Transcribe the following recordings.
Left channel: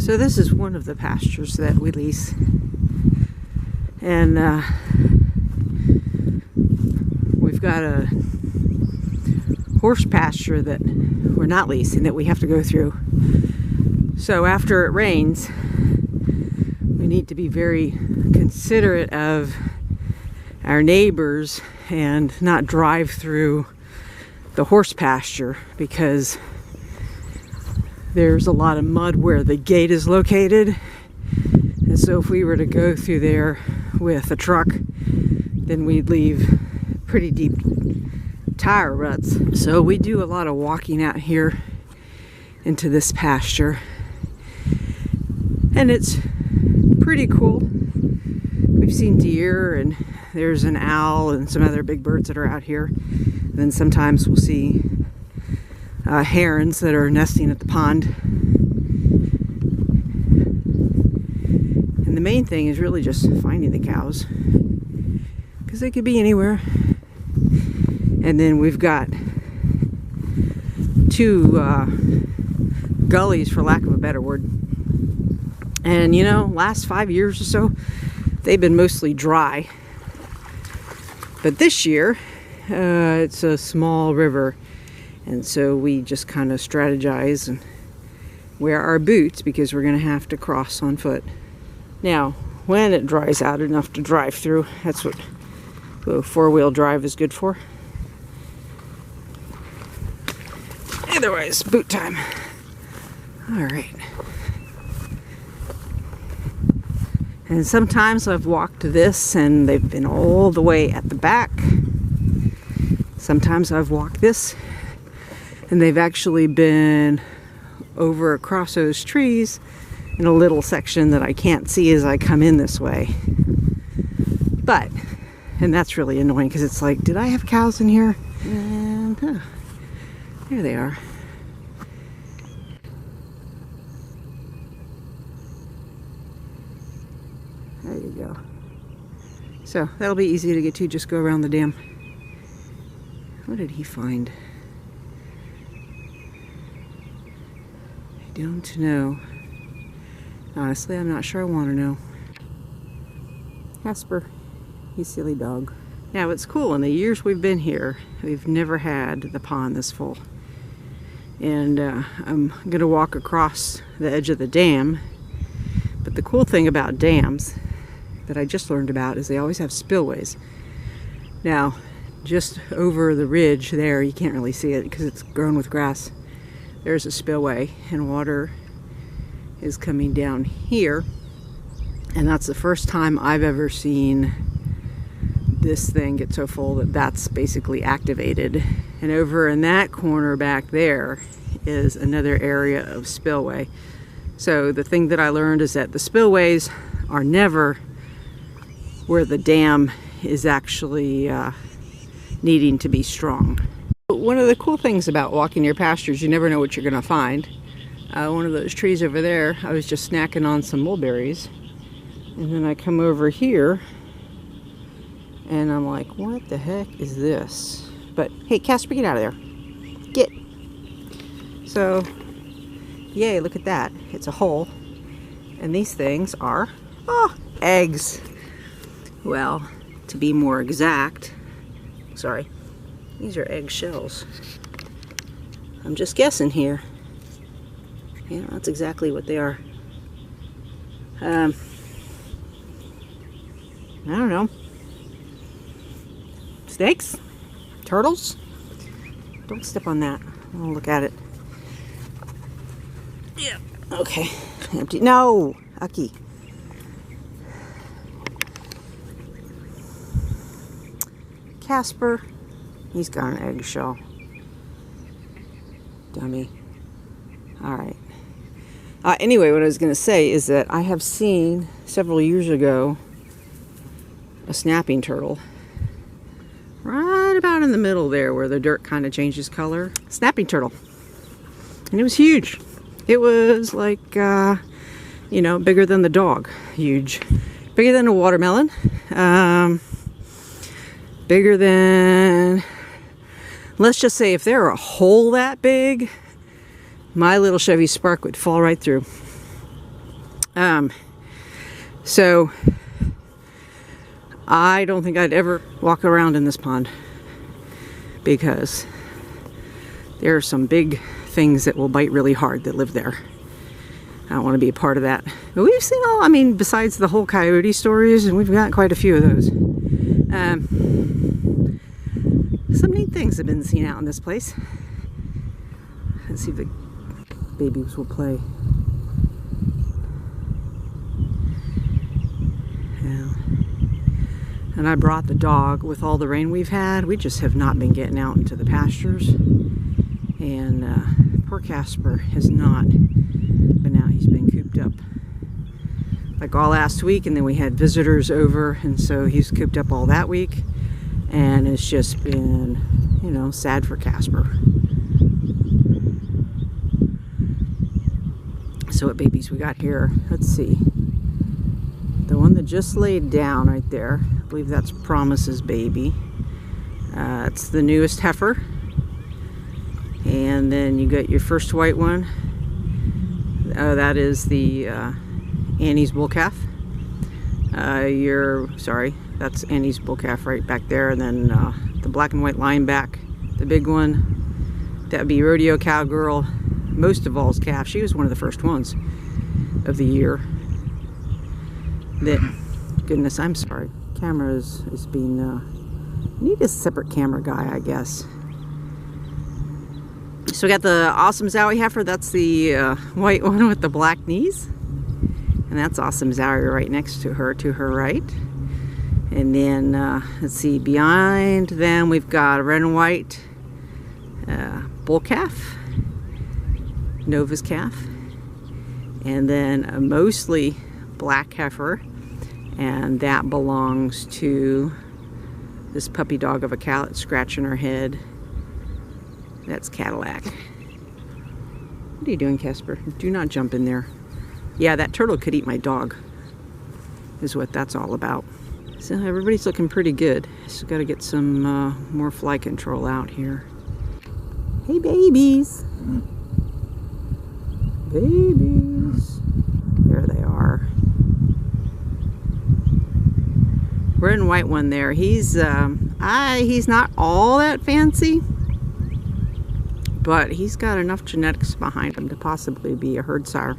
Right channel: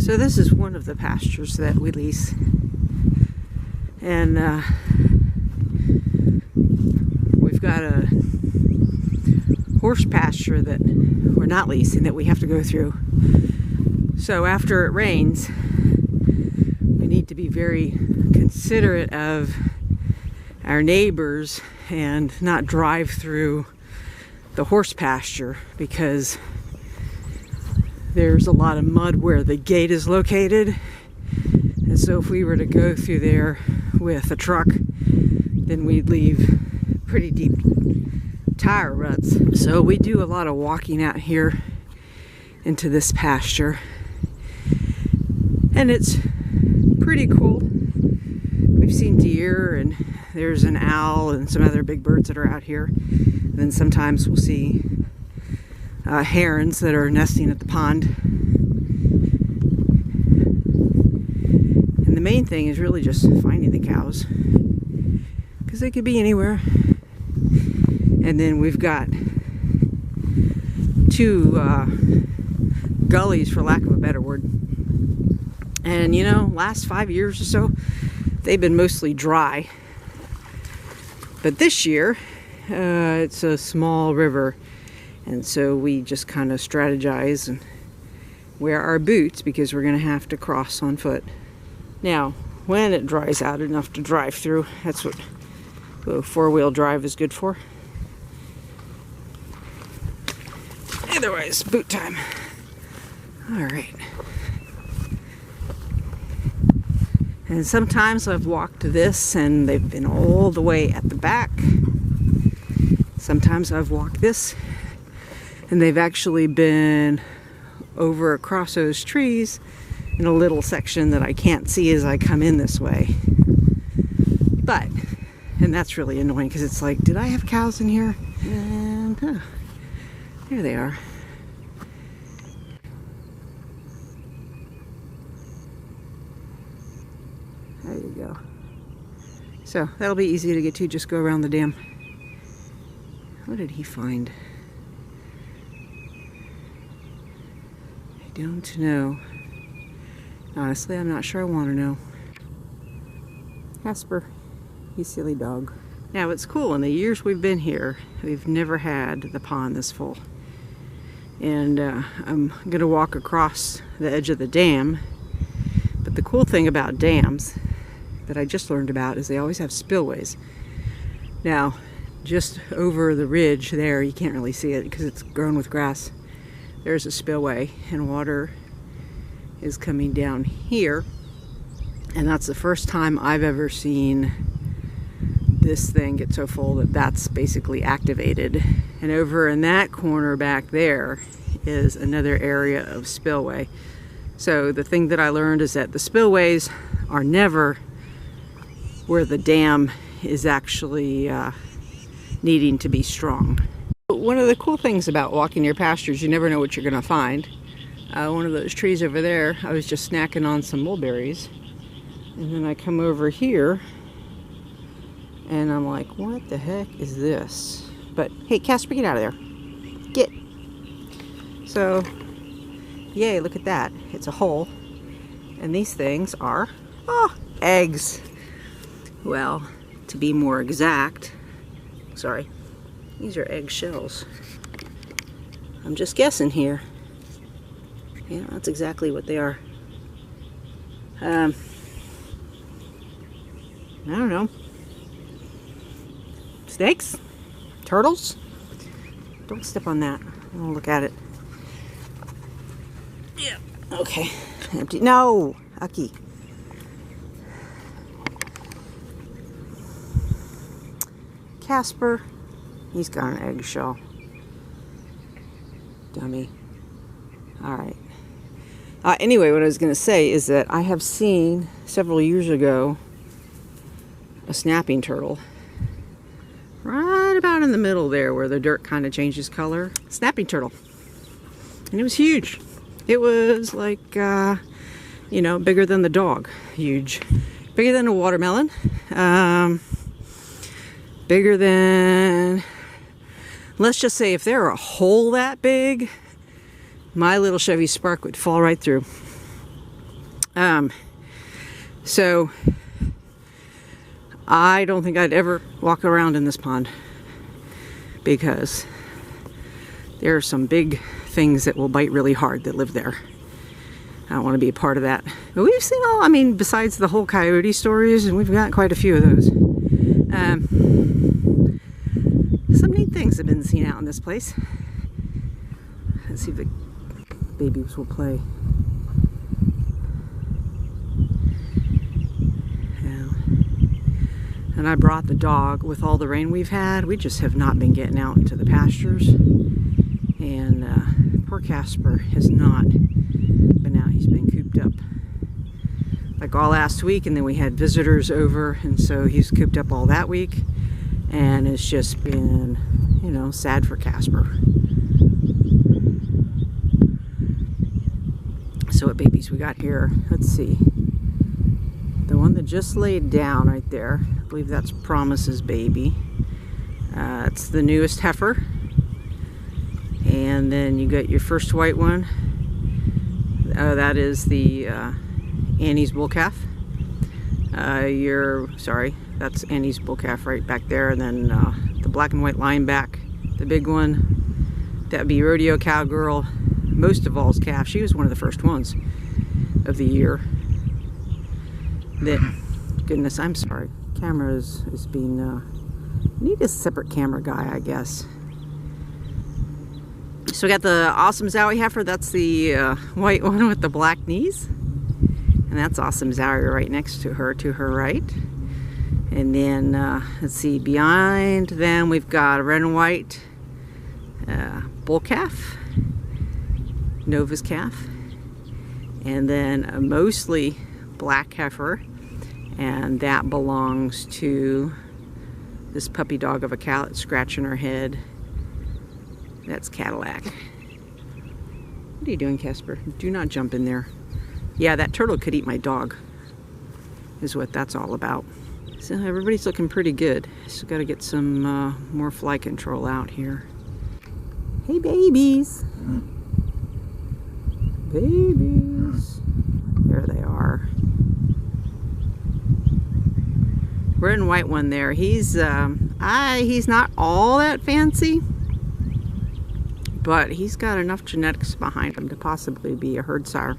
So this is one of the pastures that we lease, and we've got a horse pasture that we're not leasing that we have to go through. So after it rains, we need to be very considerate of our neighbors and not drive through the horse pasture, because there's a lot of mud where the gate is located. And so if we were to go through there with a truck, then we'd leave pretty deep tire ruts. So we do a lot of walking out here into this pasture, and it's pretty cool. We've seen deer, and there's an owl and some other big birds that are out here. And then sometimes we'll see herons that are nesting at the pond. And the main thing is really just finding the cows, because they could be anywhere. And then we've got two gullies, for lack of a better word. And you know, last 5 years or so, they've been mostly dry. But this year, it's a small river. And so we just kind of strategize and wear our boots, because we're going to have to cross on foot. Now, when it dries out enough to drive through, that's what four-wheel drive is good for. Otherwise, boot time. All right. And sometimes I've walked this and they've been all the way at the back. Sometimes I've walked this and they've actually been over across those trees in a little section that I can't see as I come in this way. And that's really annoying, because it's like, did I have cows in here? And there they are. There you go. So that'll be easy to get to. Just go around the dam. What did he find? I don't know. Honestly, I'm not sure I want to know. Casper, you silly dog. Now, it's cool. In the years we've been here, we've never had the pond this full. And I'm going to walk across the edge of the dam. But the cool thing about dams that I just learned about is they always have spillways. Now, just over the ridge there, you can't really see it because it's grown with grass. There's a spillway, and water is coming down here. And that's the first time I've ever seen this thing get so full that that's basically activated. And over in that corner back there is another area of spillway. So the thing that I learned is that the spillways are never where the dam is actually needing to be strong. One of the cool things about walking your pastures, you never know what you're going to find. One of those trees over there, I was just snacking on some mulberries, and then I come over here and I'm like, what the heck is this? But hey, Casper, get out of there. Get. So, yay, look at that. It's a hole. And these things are, eggs. Well, to be more exact, sorry, these are egg shells. I'm just guessing here. Yeah, that's exactly what they are. I don't know. Snakes? Turtles? Don't step on that. I'll look at it. Yeah. Okay. Empty. No! Ucky. Casper. He's got an eggshell. Dummy. Alright. Anyway, what I was going to say is that I have seen several years ago a snapping turtle right about in the middle there where the dirt kind of changes color. Snapping turtle. And it was huge. It was like, you know, bigger than the dog. Huge. Bigger than a watermelon. Bigger than, let's just say if there were a hole that big, my little Chevy Spark would fall right through. So I don't think I'd ever walk around in this pond because there are some big things that will bite really hard that live there. I don't want to be a part of that. But we've seen all, I mean, besides the whole coyote stories, and we've got quite a few of those. Some neat things have been seen out in this place. Let's see if the babies will play. Yeah. And I brought the dog. With all the rain we've had, we just have not been getting out into the pastures. And poor Casper has not been out. He's been cooped up like all last week, and then we had visitors over, and so he's cooped up all that week, and it's just been, you know, sad for Casper. So what babies we got here? Let's see. The one that just laid down right there, I believe that's Promise's baby. It's the newest heifer. And then you got your first white one. That is the Annie's bull calf. That's Annie's bull calf right back there. And then the black and white lineback, the big one, that'd be Rodeo Cowgirl, most of all's calf. She was one of the first ones of the year. Goodness, I'm sorry. Camera is being, need a separate camera guy, I guess. So we got the awesome Zowie heifer. That's the white one with the black knees. And that's awesome Zowie right next to her right. And then, let's see, behind them we've got a red and white bull calf, Nova's calf. And then a mostly black heifer. And that belongs to this puppy dog of a cow that's scratching her head. That's Cadillac. What are you doing, Casper? Do not jump in there. Yeah, that turtle could eat my dog, is what that's all about. So everybody's looking pretty good. Just got to get some more fly control out here. Hey, babies. Babies. There they are. Red and white one there. He's not all that fancy, but he's got enough genetics behind him to possibly be a herd sire.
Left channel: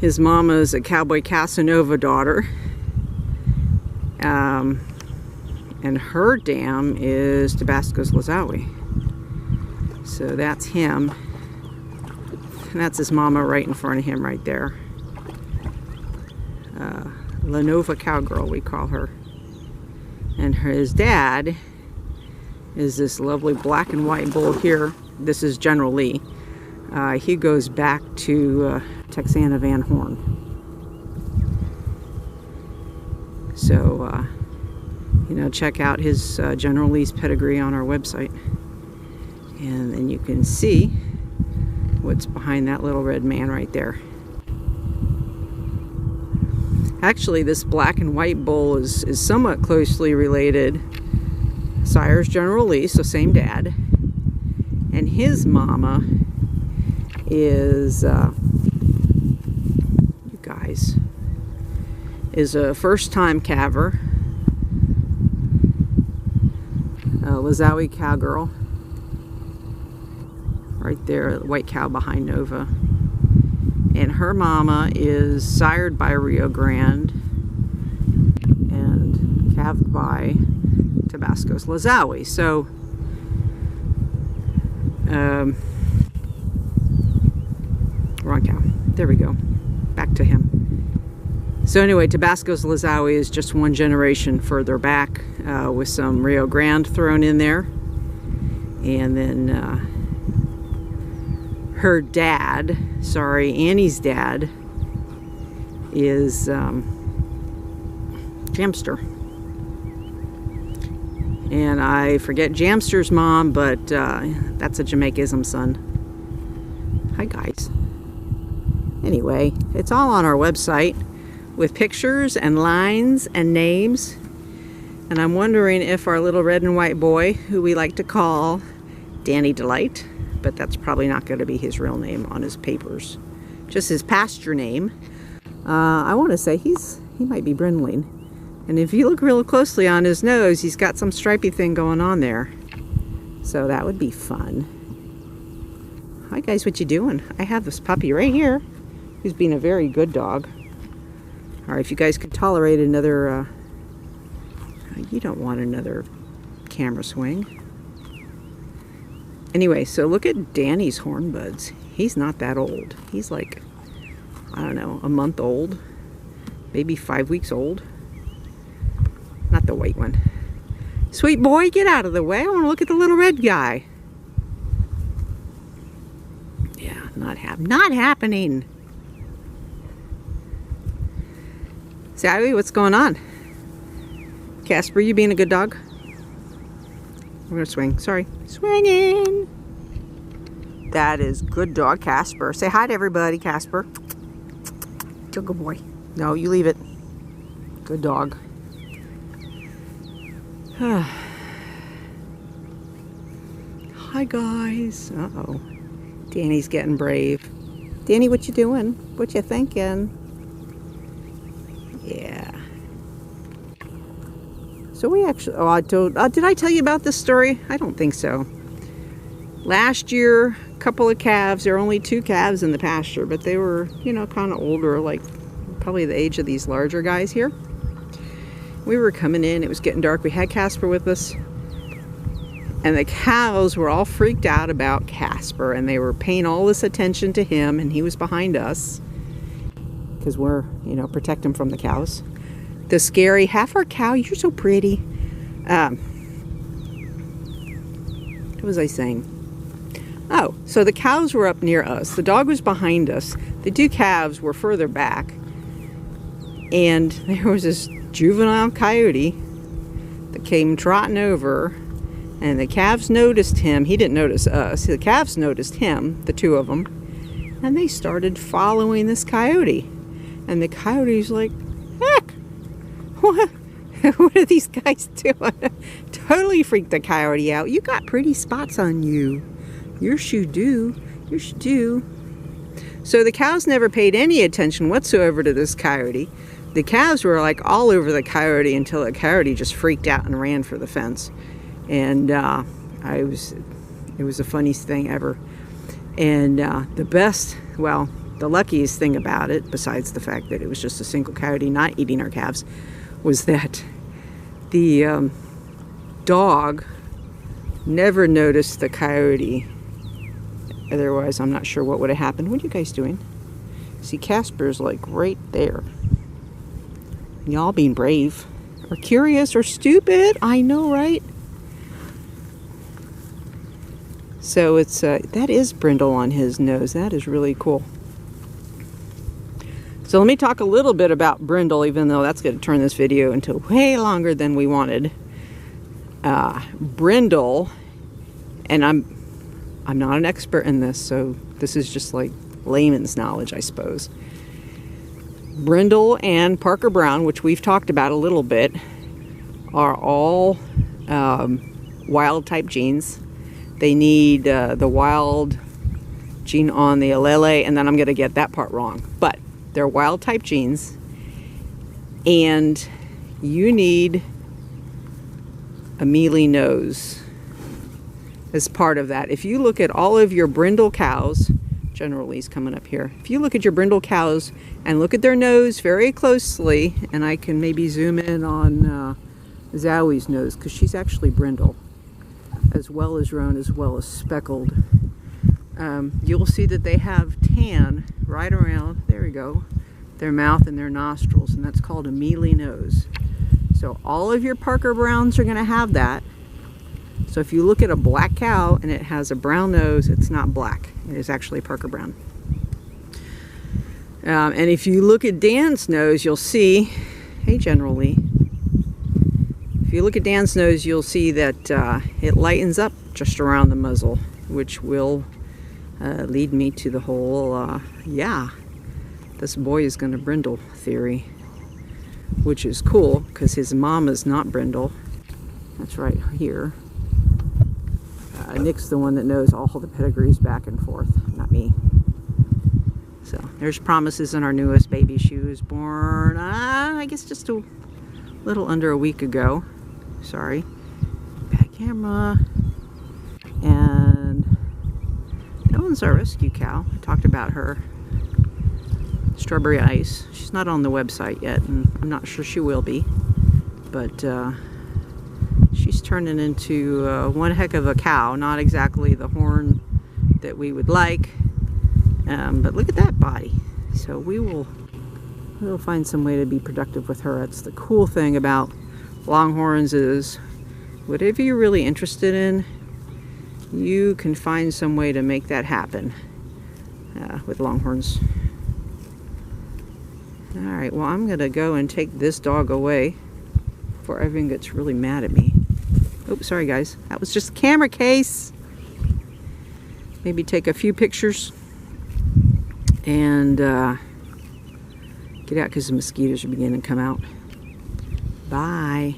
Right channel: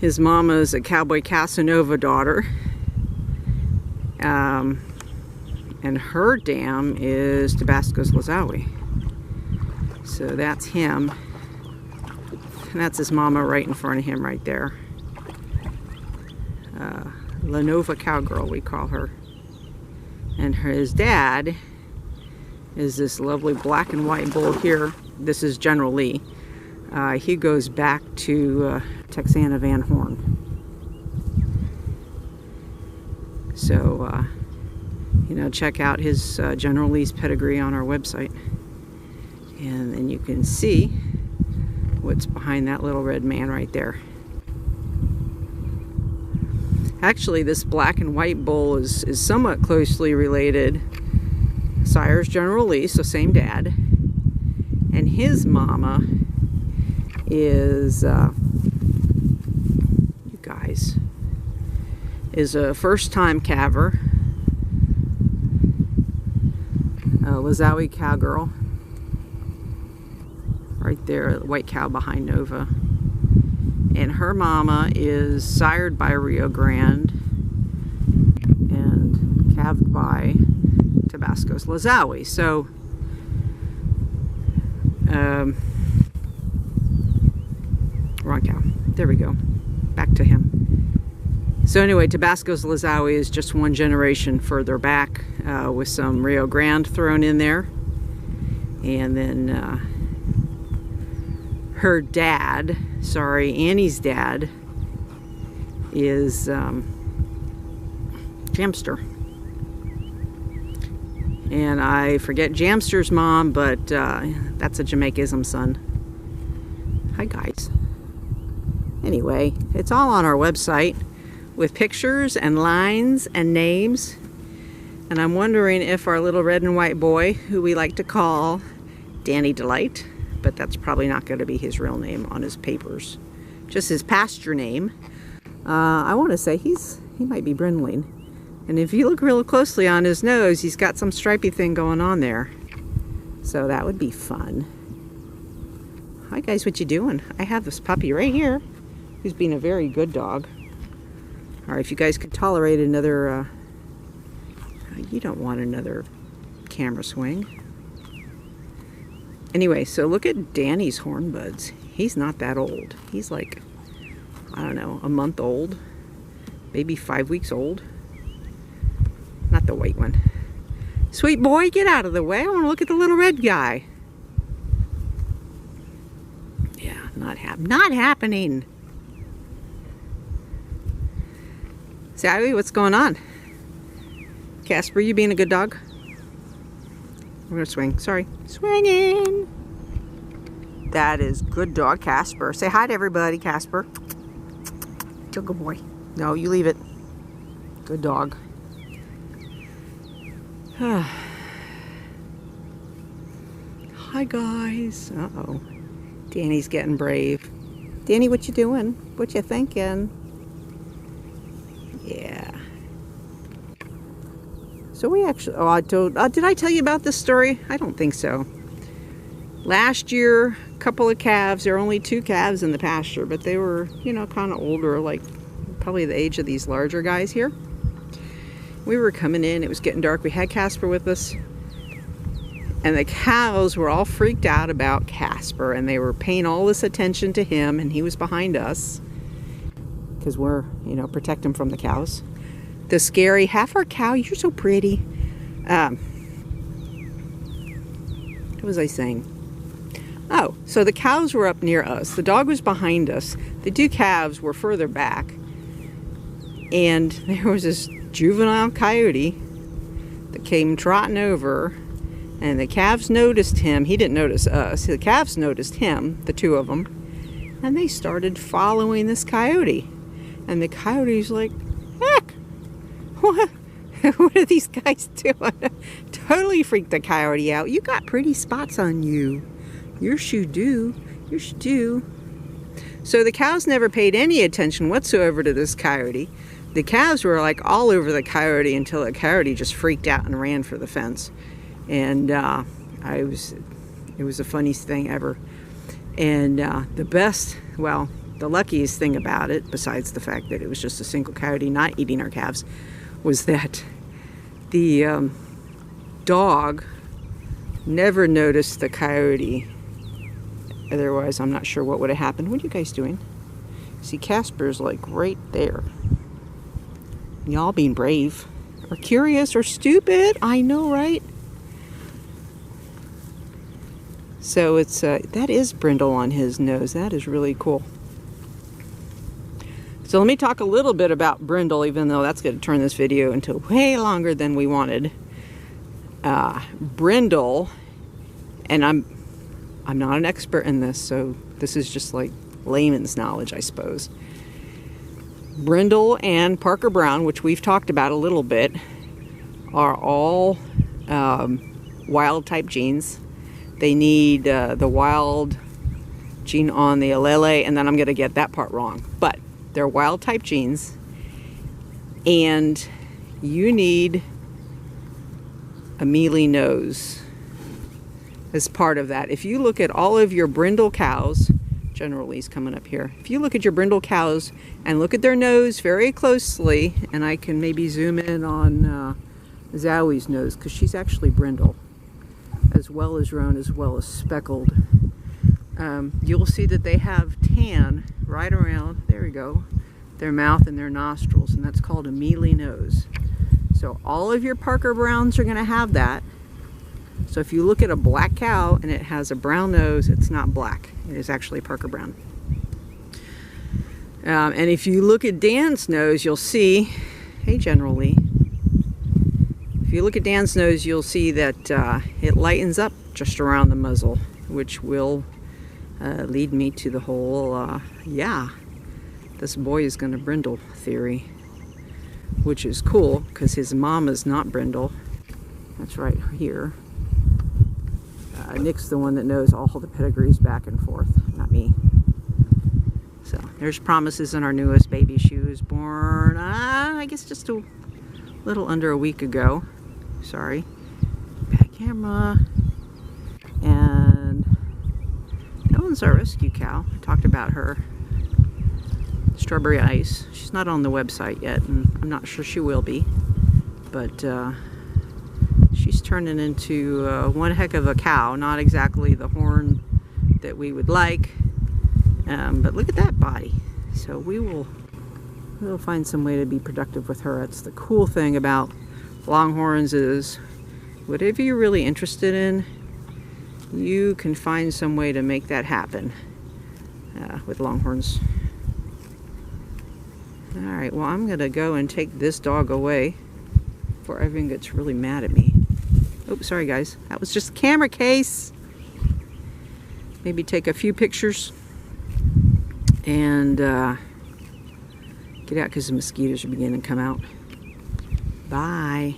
His mama's a Cowboy Casanova daughter, and her dam is Tabasco's Lazawi. So that's him, and that's his mama right in front of him right there. Lenova Cowgirl, we call her. And his dad is this lovely black and white bull here. This is General Lee. He goes back to Texana Van Horn. So, you know, check out his General Lee's pedigree on our website. And then you can see what's behind that little red man right there. Actually, this black and white bull is somewhat closely related. Sire's General Lee, so same dad. And his mama is, you guys, is a first-time calver. Lazawi Cowgirl. Right there, white cow behind Nova. And her mama is sired by Rio Grande and calved by Tabasco's Lazawi. So, wrong cow. There we go. Back to him. So anyway, Tabasco's Lazawi is just one generation further back with some Rio Grande thrown in there. And then her dad, Annie's dad, is Jamster. And I forget Jamster's mom, but that's a Jamaicism son. Hi, guys. Anyway, it's all on our website with pictures and lines and names. And I'm wondering if our little red and white boy, who we like to call Danny Delight, but that's probably not going to be his real name on his papers, just his pasture name. I want to say he might be brindling. And if you look real closely on his nose, he's got some stripy thing going on there. So that would be fun. Hi guys, what you doing? I have this puppy right here who's being a very good dog. Alright, if you guys could tolerate another, you don't want another camera swing. Anyway, so look at Danny's horn buds. He's not that old. He's like, I don't know, a month old, maybe 5 weeks old. Not the white one. Sweet boy, get out of the way. I want to look at the little red guy. Yeah, not happening. Sally, what's going on? Casper, you being a good dog? We're gonna swing. Sorry. Swinging. That is good dog, Casper. Say hi to everybody, Casper. You're a good boy. No, you leave it. Good dog. Hi, guys. Uh-oh. Danny's getting brave. Danny, what you doing? What you thinking? Yeah. So we actually, did I tell you about this story? I don't think so. Last year, a couple of calves, there were only 2 calves in the pasture, but they were, you know, kind of older, like probably the age of these larger guys here. We were coming in, it was getting dark, we had Casper with us, and the cows were all freaked out about Casper, and they were paying all this attention to him, and he was behind us, because we're, you know, protect him from the cows. The scary heifer cow, you're so pretty. What was I saying? Oh, so the cows were up near us. The dog was behind us. The 2 calves were further back. And there was this juvenile coyote that came trotting over. And the calves noticed him. He didn't notice us. The calves noticed him, the 2 of them. And they started following this coyote. And the coyote's like, heck! What are these guys doing? Totally freaked the coyote out. You got pretty spots on you. Yes, you do. Yes, you do. So the cows never paid any attention whatsoever to this coyote. The calves were like all over the coyote until the coyote just freaked out and ran for the fence. And it was the funniest thing ever. And the luckiest thing about it, besides the fact that it was just a single coyote not eating our calves, was that the dog never noticed the coyote. Otherwise, I'm not sure what would have happened. What are you guys doing? See, Casper's like right there. Y'all being brave, or curious, or stupid. I know, right? So it's that is brindle on his nose. That is really cool. So let me talk a little bit about brindle, even though that's going to turn this video into way longer than we wanted. Brindle, and I'm not an expert in this, so this is just like layman's knowledge, I suppose. Brindle and Parker Brown, which we've talked about a little bit, are all wild type genes. They need the wild gene on the allele, and then I'm going to get that part wrong. But they're wild type genes, and you need a mealy nose as part of that. If you look at all of your brindle cows, generally he's coming up here. If you look at your brindle cows and look at their nose very closely, and I can maybe zoom in on Zowie's nose, because she's actually brindle, as well as roan, as well as speckled. You'll see that they have tan right around, there we go, their mouth and their nostrils, and that's called a mealy nose. So all of your Parker Browns are going to have that. So if you look at a black cow and it has a brown nose, it's not black. It is actually Parker Brown. And if you look at Dan's nose, you'll see, hey General Lee, if you look at Dan's nose, you'll see that it lightens up just around the muzzle, which will lead me to the whole, yeah, this boy is going to brindle theory, which is cool because his mom is not brindle. That's right here. Nick's the one that knows all the pedigrees back and forth, not me. So there's Promises in our newest baby. She was born, I guess just a little under a week ago. Sorry, bad camera. And that one's our rescue cow. I talked about her. Strawberry Ice. She's not on the website yet, and I'm not sure she will be. But she's turning into one heck of a cow. Not exactly the horn that we would like, but look at that body. So we'll find some way to be productive with her. That's the cool thing about Longhorns, is whatever you're really interested in, you can find some way to make that happen with Longhorns. Alright, well, I'm going to go and take this dog away before everyone gets really mad at me. Oops, sorry guys. That was just a camera case. Maybe take a few pictures and get out because the mosquitoes are beginning to come out. Bye.